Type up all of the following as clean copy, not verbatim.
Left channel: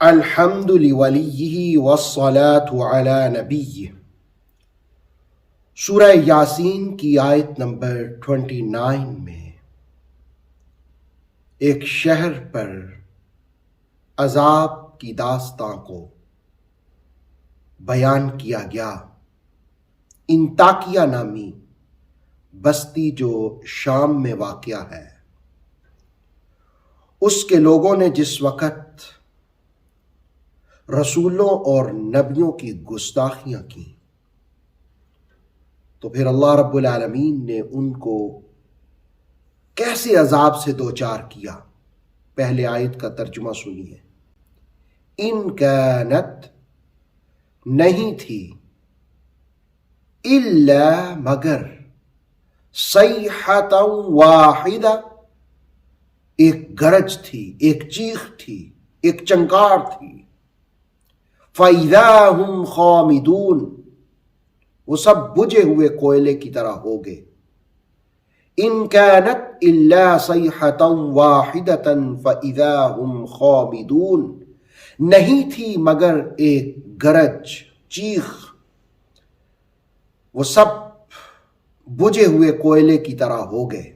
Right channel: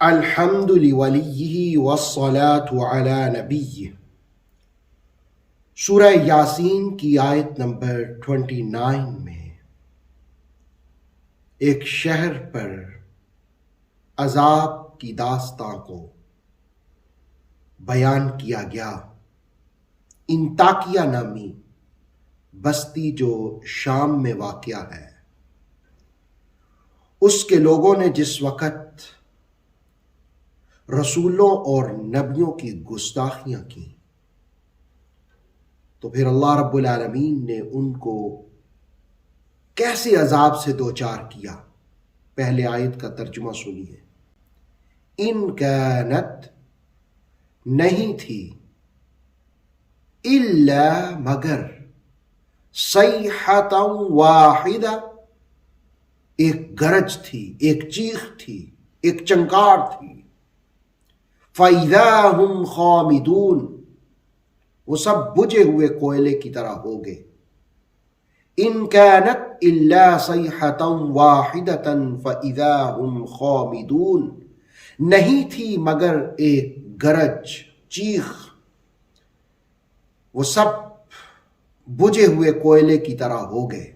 الحمد لولیہ والصلاة علی نبیہ۔ سورہ یاسین کی آیت نمبر 29 میں ایک شہر پر عذاب کی داستان کو بیان کیا گیا۔ انطاکیہ نامی بستی جو شام میں واقع ہے، اس کے لوگوں نے جس وقت رسولوں اور نبیوں کی گستاخیاں کی تو پھر اللہ رب العالمین نے ان کو کیسے عذاب سے دوچار کیا۔ پہلے آیت کا ترجمہ سنیے۔ ان کانت نہیں تھی، الا مگر، صیحۃ واحدہ ایک گرج تھی، ایک چیخ تھی، ایک چنکار تھی۔ فَإِذَا هُمْ خَامِدُونَ وہ سب بجھے ہوئے کوئلے کی طرح ہو گئے۔ ان كانت الا صیحۃ واحدۃ فَإِذَا هُمْ خَامِدُونَ نہیں تھی مگر ایک گرج، چیخ، وہ سب بجھے ہوئے کوئلے کی طرح ہو گئے۔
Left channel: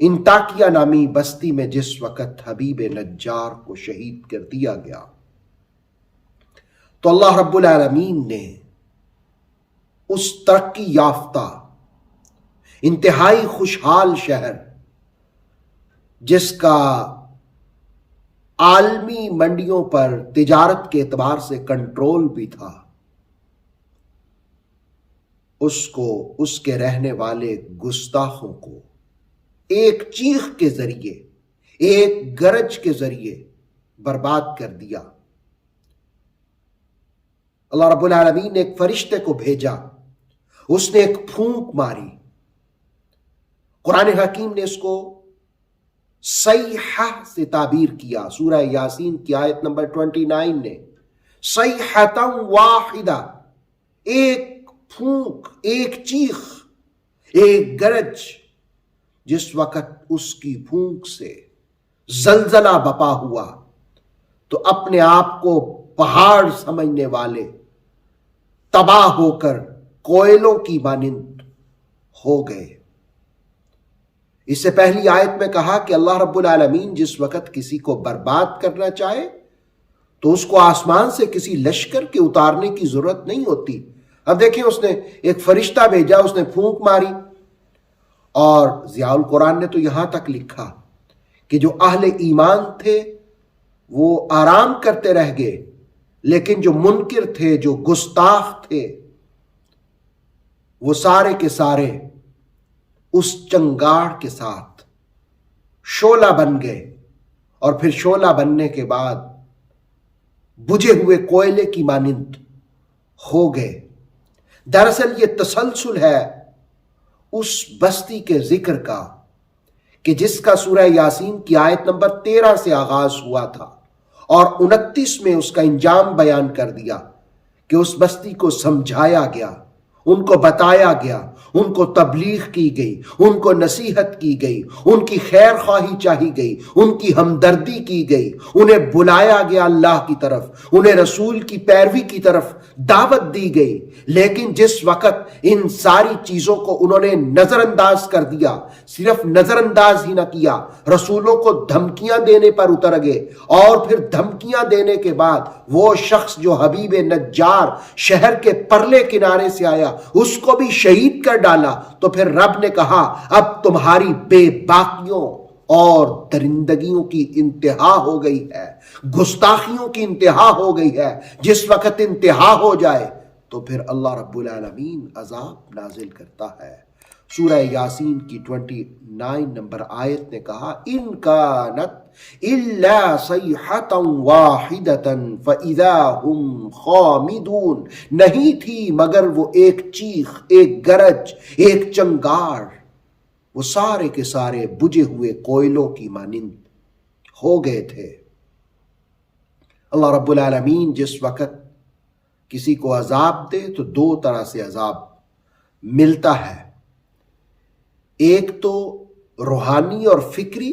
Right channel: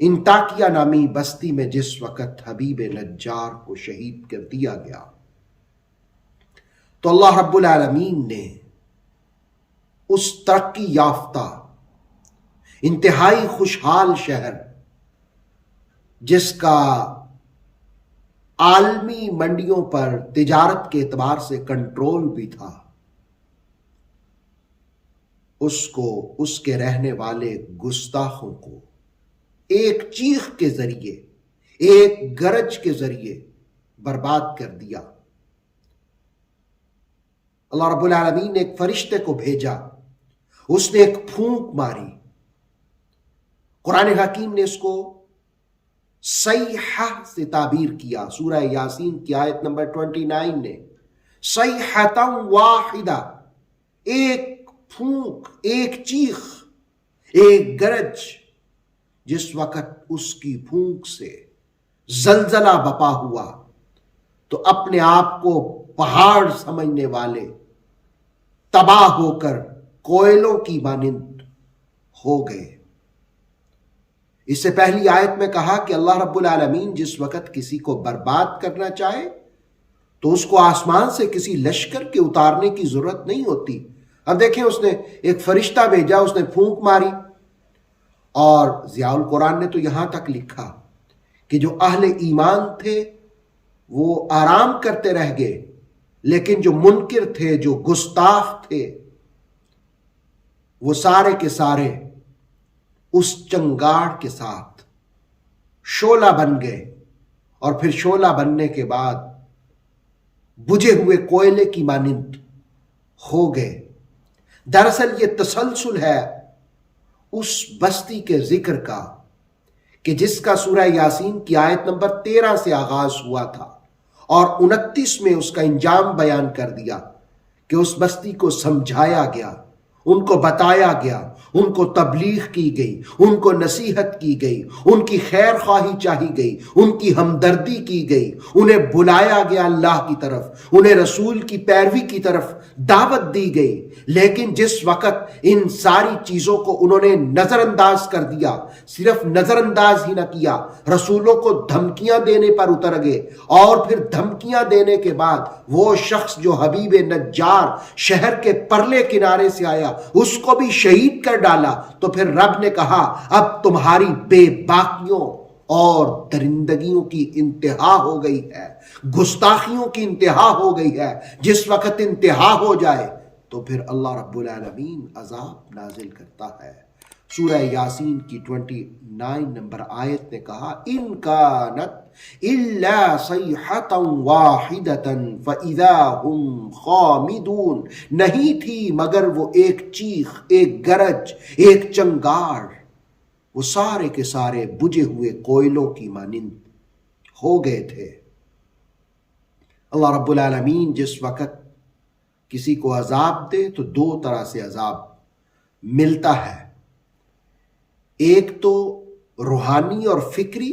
انطاکیہ نامی بستی میں جس وقت حبیب نجار کو شہید کر دیا گیا تو اللہ رب العالمین نے اس ترقی یافتہ انتہائی خوشحال شہر، جس کا عالمی منڈیوں پر تجارت کے اعتبار سے کنٹرول بھی تھا، اس کو، اس کے رہنے والے گستاخوں کو ایک چیخ کے ذریعے، ایک گرج کے ذریعے برباد کر دیا۔ اللہ رب العالمین نے ایک فرشتے کو بھیجا، اس نے ایک پھونک ماری۔ قرآن حکیم نے اس کو صیحہ سے تعبیر کیا۔ سورہ یاسین کی آیت نمبر 29 نے صیحۃ واحدہ، ایک پھونک، ایک چیخ، ایک گرج، جس وقت اس کی پھونک سے زلزلہ بپا ہوا تو اپنے آپ کو پہاڑ سمجھنے والے تباہ ہو کر کوئلوں کی مانند ہو گئے۔ اس سے پہلی آیت میں کہا کہ اللہ رب العالمین جس وقت کسی کو برباد کرنا چاہے تو اس کو آسمان سے کسی لشکر کے اتارنے کی ضرورت نہیں ہوتی۔ اب دیکھیں، اس نے ایک فرشتہ بھیجا، اس نے پھونک ماری، اور ضیاء القرآن نے تو یہاں تک لکھا کہ جو اہل ایمان تھے وہ آرام کرتے رہ گئے، لیکن جو منکر تھے، جو گستاخ تھے، وہ سارے کے سارے اس چنگاڑ کے ساتھ شعلہ بن گئے، اور پھر شعلہ بننے کے بعد بجھے ہوئے کوئلے کی مانند ہو گئے۔ دراصل یہ تسلسل ہے اس بستی کے ذکر کا کہ جس کا سورہ یاسین کی آیت نمبر 13 سے آغاز ہوا تھا، اور 29 میں اس کا انجام بیان کر دیا کہ اس بستی کو سمجھایا گیا، ان کو بتایا گیا، ان کو تبلیغ کی گئی، ان کو نصیحت کی گئی، ان کی خیر خواہی چاہی گئی، ان کی ہمدردی کی گئی، انہیں بلایا گیا اللہ کی طرف، انہیں رسول کی پیروی کی طرف دعوت دی گئی۔ لیکن جس وقت ان ساری چیزوں کو انہوں نے نظر انداز کر دیا، صرف نظر انداز ہی نہ کیا، رسولوں کو دھمکیاں دینے پر اتر گئے، اور پھر دھمکیاں دینے کے بعد وہ شخص جو حبیب نجار شہر کے پرلے کنارے سے آیا اس کو بھی شہید کر ڈالا، تو پھر رب نے کہا اب تمہاری بے باکیوں اور درندگیوں کی انتہا ہو گئی ہے، گستاخیوں کی انتہا ہو گئی ہے۔ جس وقت انتہا ہو جائے تو پھر اللہ رب العالمین عذاب نازل کرتا ہے۔ سورہ یاسین کی 29 نمبر آیت نے کہا ان کانت الا صیحۃ واحدۃ فاذا هم خامدون نہیں تھی مگر وہ ایک چیخ، ایک گرج، ایک چنگاڑ، وہ سارے کے سارے بجھے ہوئے کوئلوں کی مانند ہو گئے تھے۔ اللہ رب العالمین جس وقت کسی کو عذاب دے تو دو طرح سے عذاب ملتا ہے، ایک تو روحانی اور فکری،